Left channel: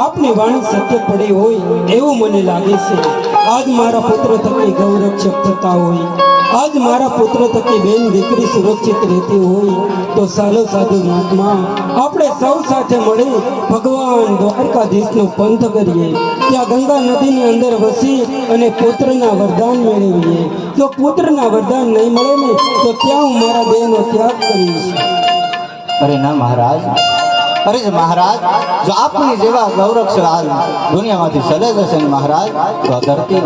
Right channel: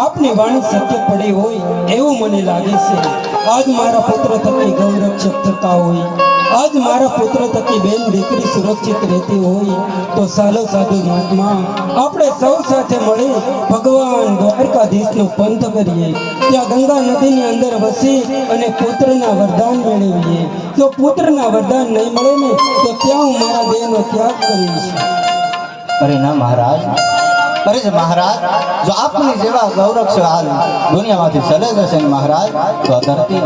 આપની વાણી સત્ય પડી હોય એવું મને લાગે છે। આજ મારા પુત્ર થકી ગૌરક્ષક થતા હોય, આજ મારા પુત્ર થકી બેન દીકરી સુરક્ષિત રહેતી હોય તો સાલો સાધુ મહાત્મા આપણે સૌ સાથે મળી ભગવાન દ્વારકાધીશનો પંથ કરીએ, ત્યાં ગંગા નદીની અંદર વસી અને પુત્રના વરદાન મેળવીએ। જો પુત્રના વરદાન નહીં મળે ને તો ત્યાં હું મારા દેહનો ત્યાગ કરીશ। અરે ના મહારાજ, અરે મહારાજ, જો આપની જેવા ગૌરક્ષક હાલ દુનિયામાંથી ચલે જશે મહારાજ તો આ ધરતી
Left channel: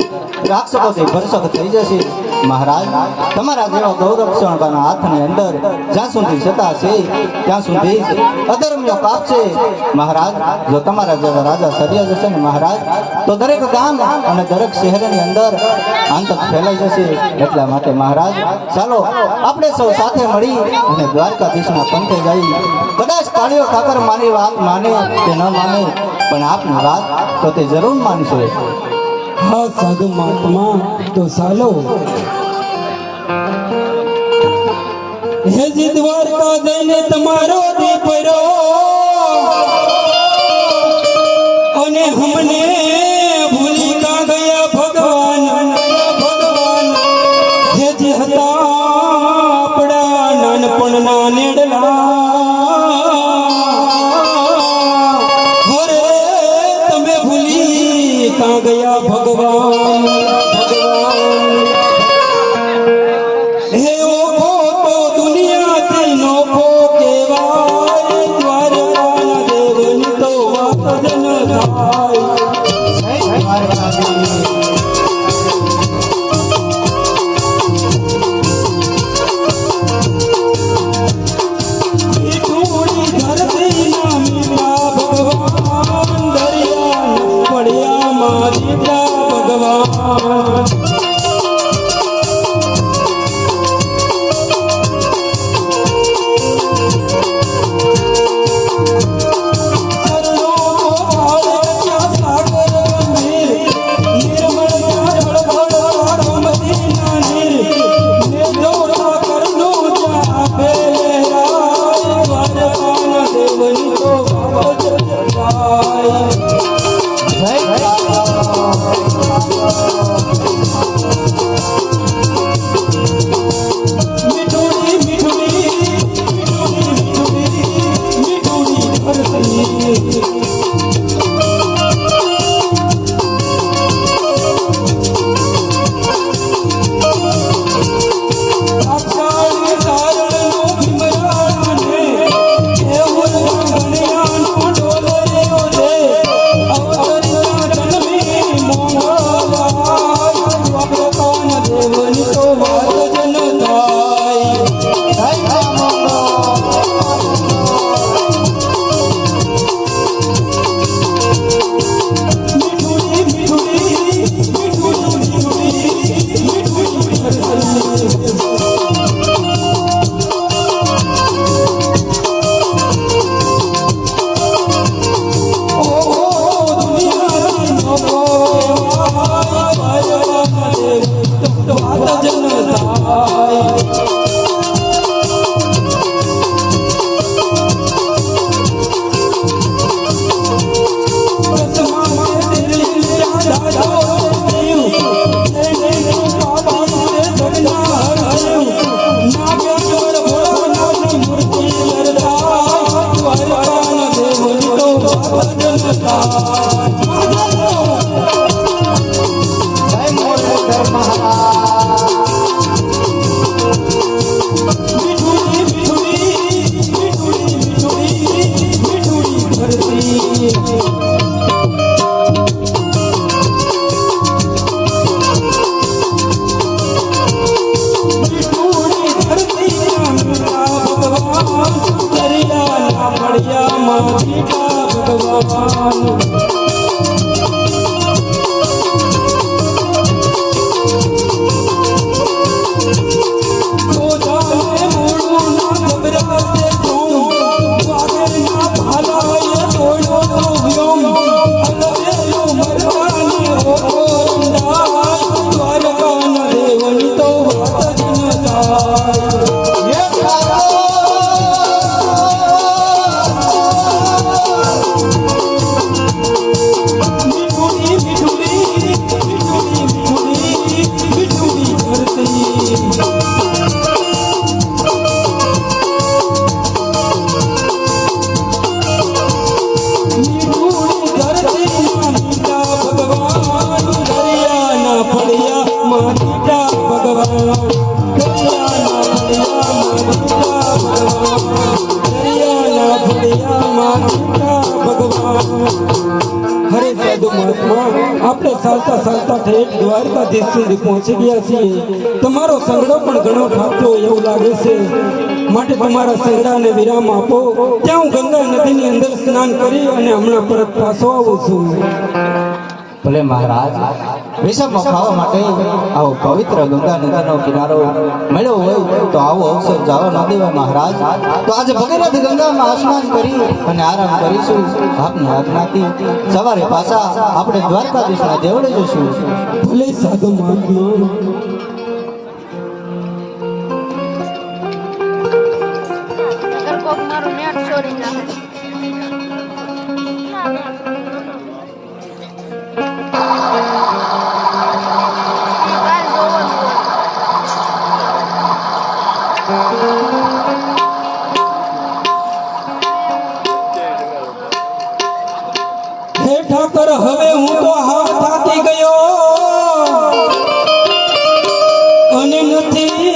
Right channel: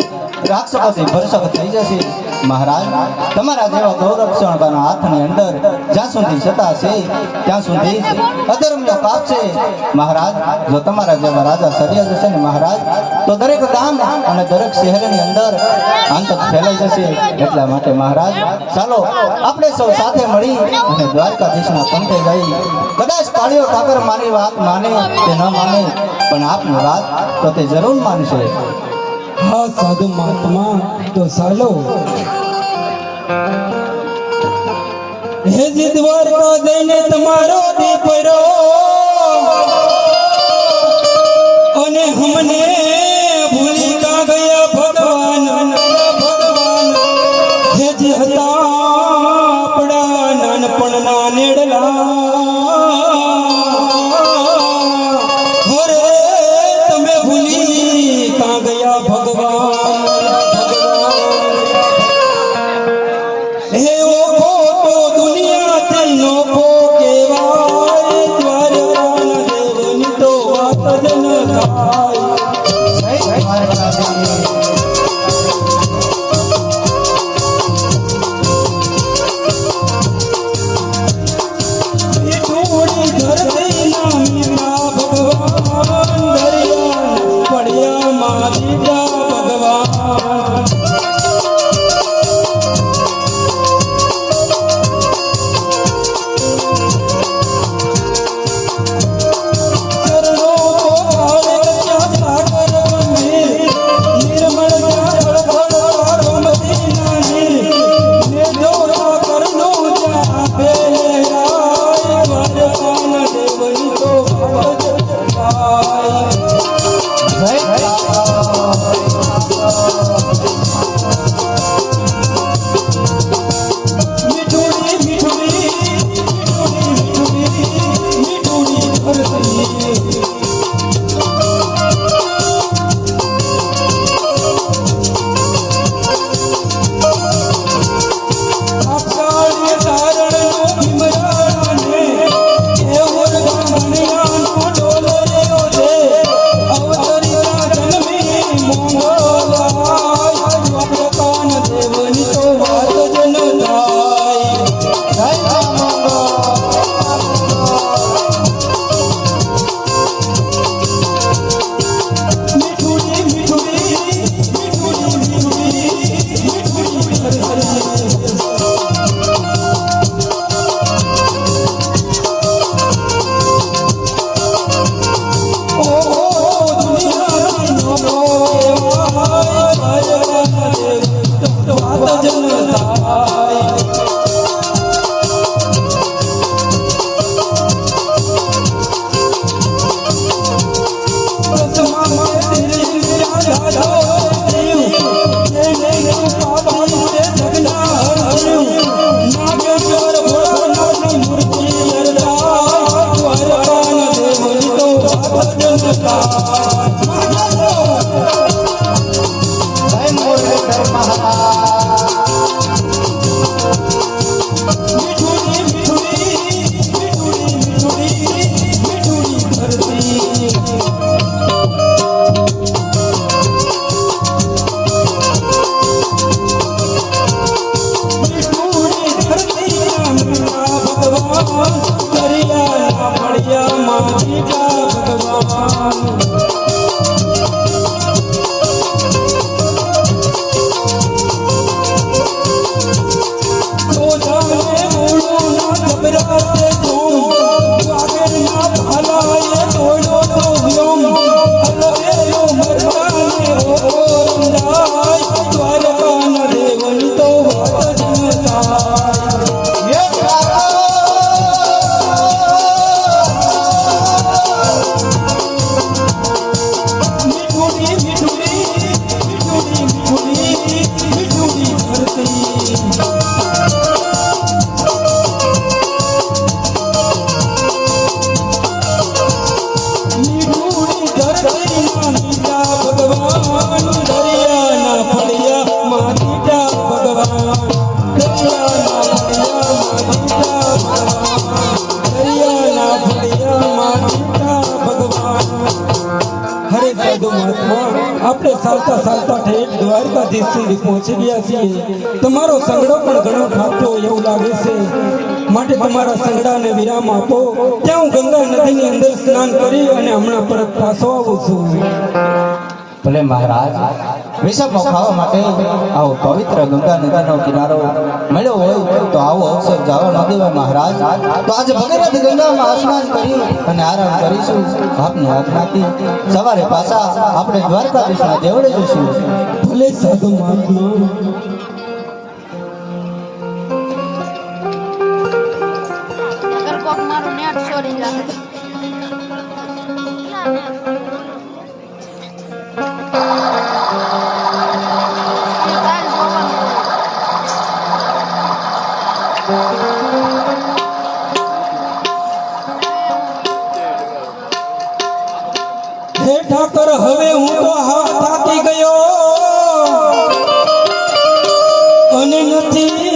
રાક્ષસોથી ભરસક થઈ જશે। મહારાજ, તમારા જેવા ગૌરક્ષકોના હાથની અંદર જ્યાં સુધી સત્તા છે ત્યાં સુધી અધર્મનો પાપ છે। મહારાજ, જો તમારા જેવા રાજા સર્યા જશે ને મહારાજ તો દરેક ગામ અને દરેક શહેરની અંદર આતંક ફેલાઈ જશે। એટલા માટે મહારાજ ચાલો આપણે સૌ સાથે મળી અને દ્વારકાધીશના પંથે જઈ, કદાચ કાળિયો ઠાકર મારી વાત માને કે ન માને પણ આપની વાત તો તે જરૂર માનશે। હા સાધુ મહાત્મા, તો ચાલો। હે જી દ્વારકા જઈને તમારો દીકરો અને હમને ભૂલી કા ગયા ભગવાન, હે જી હતા આપણા નાનપણના નેડલા, હરે તમે ભૂલી કા ગયા ભગવાન। આપણે ચાલતા ચાલતા ઠેઠ દ્વારકાધીશ સુધી પહોંચી ગયા છીએ. તમારો સંગડો પણ ઘણો થાકતો હોય એવું લાગે છે, માટે તમારા સંગડાને વિરામ આપો. ત્યાં હું ગંગા નદીની અંદર સ્નાન કરી અને હમણાં પરત પાછો આવું છું. ભલે મહારાજ, વિષમો ખાવા માટે આવો પવિત્ર ગંગા નદીનો કિનારો મળ્યો હોય તો આવો અવસર જવા ન દેવા મહારાજ. તો આજે ભગીરથ ગંગામાં સ્નાન કરી અને આરામ કરીશું. આપની આજ્ઞાથી સવારે પાછા આપણે દ્વારકાધીશના દેવળે જઈશું. ભલે સાધુ મહાત્મા. અગર કોક મારું નેટ ચોરી જાય કાલ જોવાનું હોય. હે ઠાકર, હવે હું તો થાકી ગયો અને નથી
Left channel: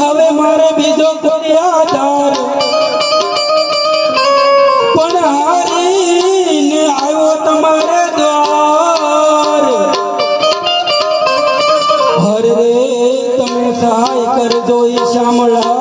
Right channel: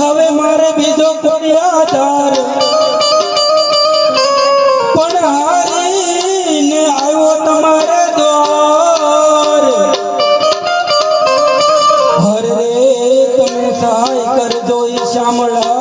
હવે મારે બીજો કોઈ આધાર, પણ હારીને આવ્યો તમારે દ્વાર. હરે રે તમે સહાય કરજો ઈ શામળા.